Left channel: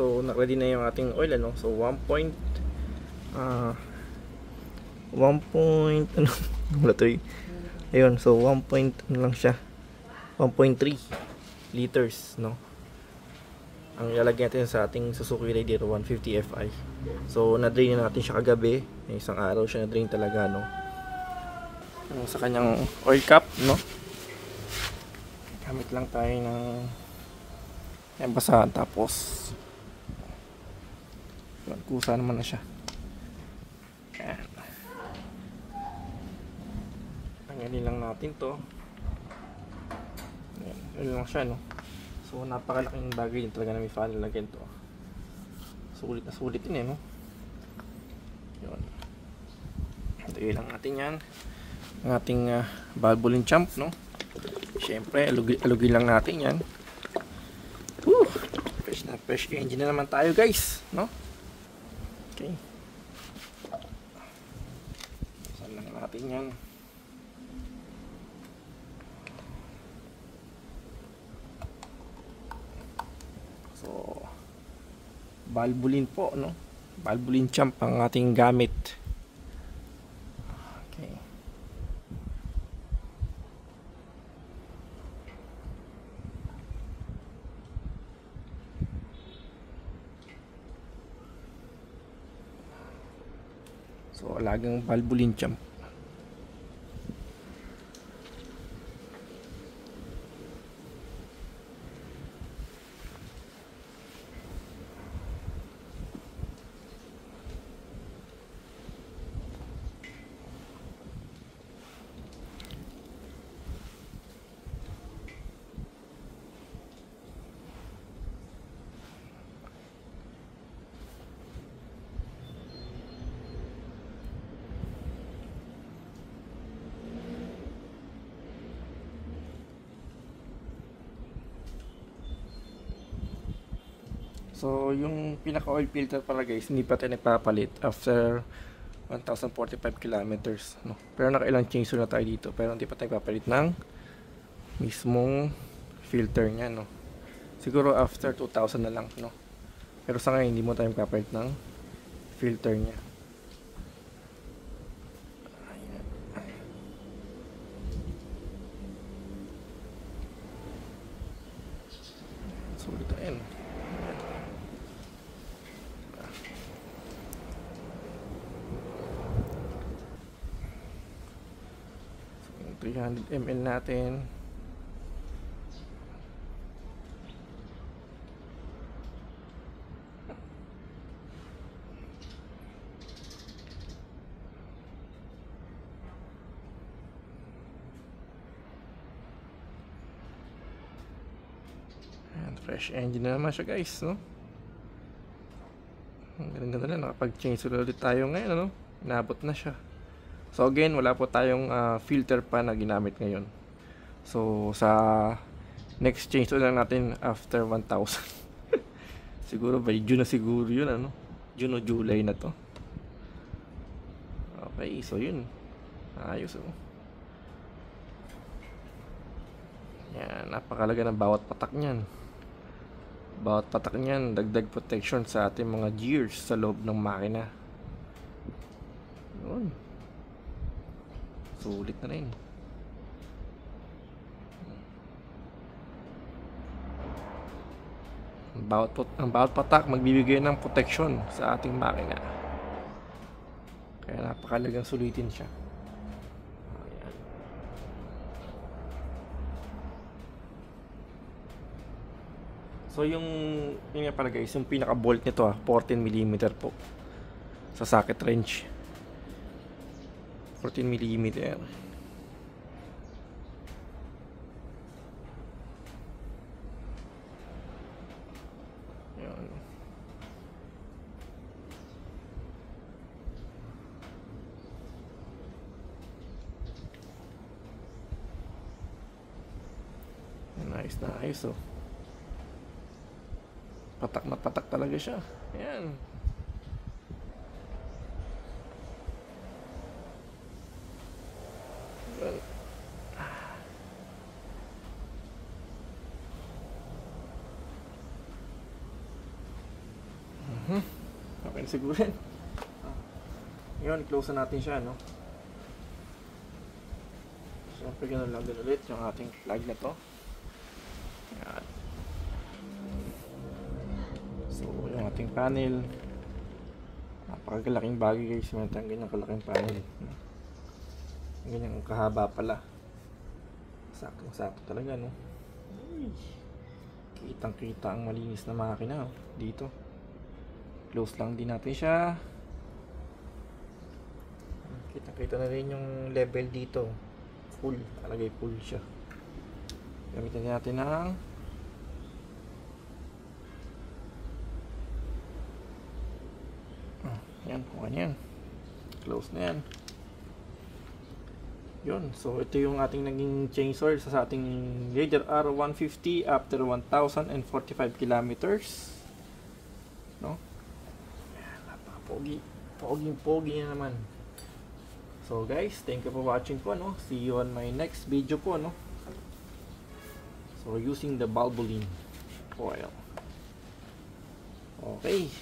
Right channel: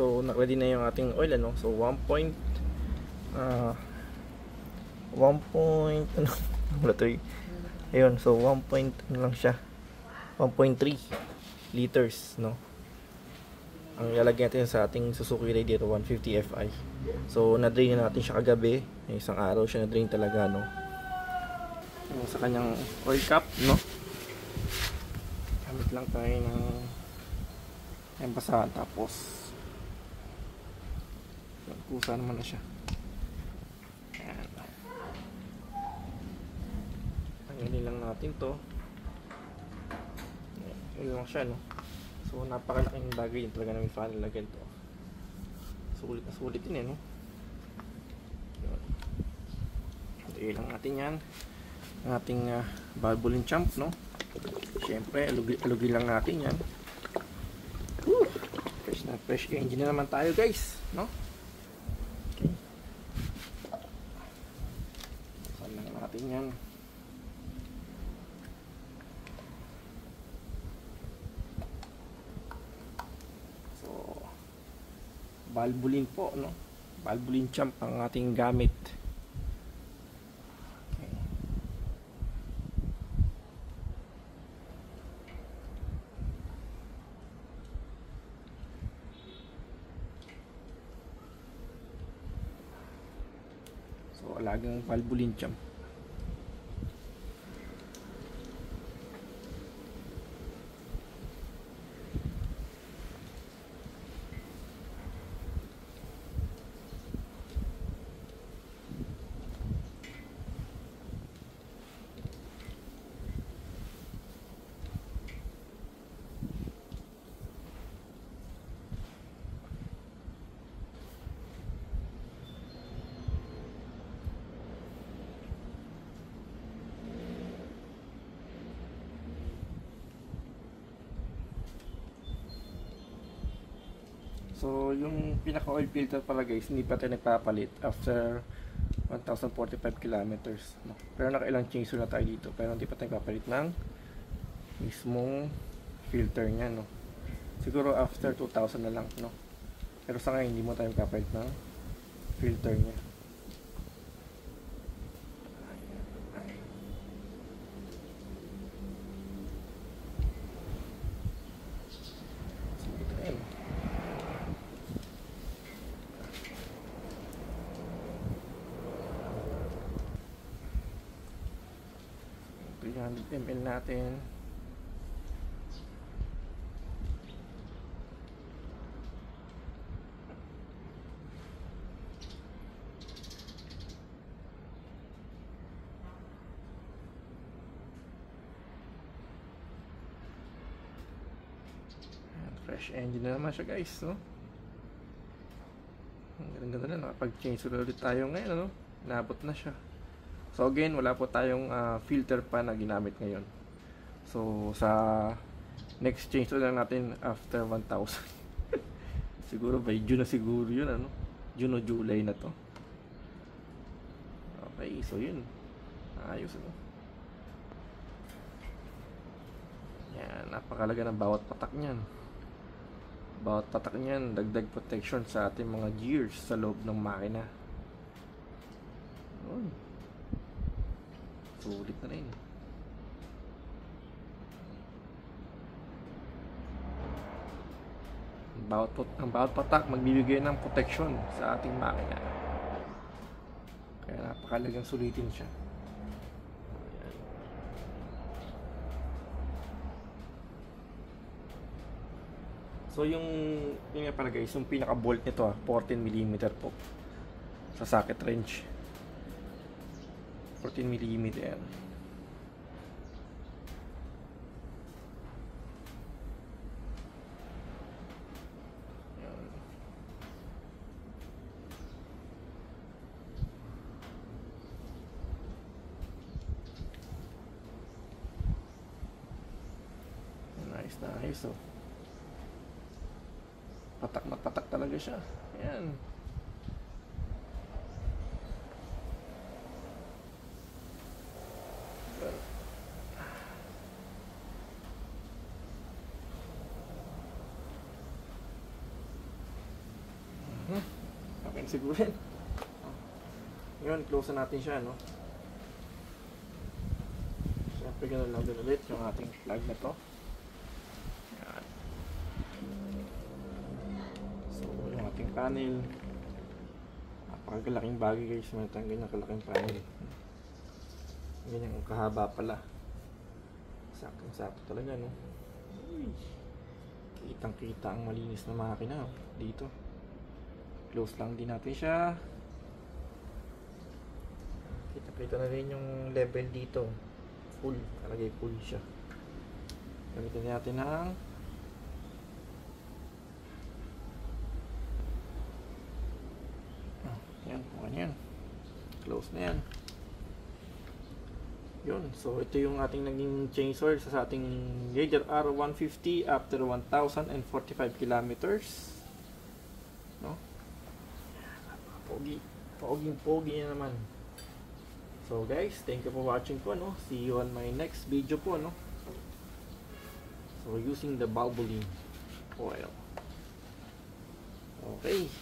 So ready na yung ating oil, ano. So 1 point ano wala to eh. Ayun, so 1 point ano lang siya, 1.3 liters, no. Ang ilalagay natin sa ating Suzuki Radiator 150 Fi. So na-drain na natin siya kagabi, isang araw siya na-drain talaga, no. So, sa kanyang oil cap, no, gamit lang tayo ng yung basahan, tapos nagkusa naman na siya. Yan. Tanggalin lang natin to. Yan lang siya, no. So napakalaking bagay din talaga na may fan lagyan to. Sulit na sulit din eh, no. Yun. Hintay lang natin yan. Ang ating valvoline champ, no. Siyempre alugin lang natin yan. Fresh na fresh engine na naman tayo, guys, no. Okay. Saan lang natin yan. Valvoline po, no? Valvoline champ ang ating gamit. Okay. So, alagang Valvoline champ. So, yung pinaka oil filter pala, guys, hindi pa tayo nagpapalit after 1045 kilometers, no? Pero nakailang change na tayo dito, pero hindi pa tayo nagpapalit ng mismong filter niya, no? Siguro after 2000 na lang, no? Pero sa ngayon hindi mo tayo nagpapalit ng filter niya. So, ito ayun. 300 ml natin. Ayan, fresh engine na naman siya, guys, no? Ang ganda na, nakapag-change ulit tayo ngayon, no? Inabot na siya. So again, wala po tayong filter pa na ginamit ngayon. So sa next change ulit natin after 1000. Siguro by June na siguro yun, ano? June o July na to. Okay, so yun. Ayos, oh. Yan, napakalaga ng bawat patak niyan. Bawat patak niyan, dagdag protection sa ating mga gears sa loob ng makina. Yun. Sulit na rin. Ang bawat patak magbibigay ng protection sa ating makina. Kaya napakalagang sulitin siya. So yung nga pala, guys, yung pinaka bolt nito 14mm po sa socket wrench. 14mm. Nice na ayos, oh. Patak na patak talaga siya. Ayan. Okay na siguro yan. Ngayon, close na natin siya, no? So, pagyan na lang din ulit yung ating plug na to. Ayan. So, yung ating panel. Napakalaking bagay guys, meron tayong ganyang kalaking panel. Ganyan kahaba pala. Sakto talaga, no? Kitang kita ang malinis na makina dito. Close lang din natin siya. Kita na rin yung level dito. Full, talagay full siya. Gamitin natin ng yan, kung ano yan. Close na yan. Yun, so ito yung ating naging change oil sa ating Raider R150 after 1,045 kilometers, no? Pogi na naman. So guys, thank you for watching po, no? See you on my next video po, no? So we're using the Valvoline oil. Okay.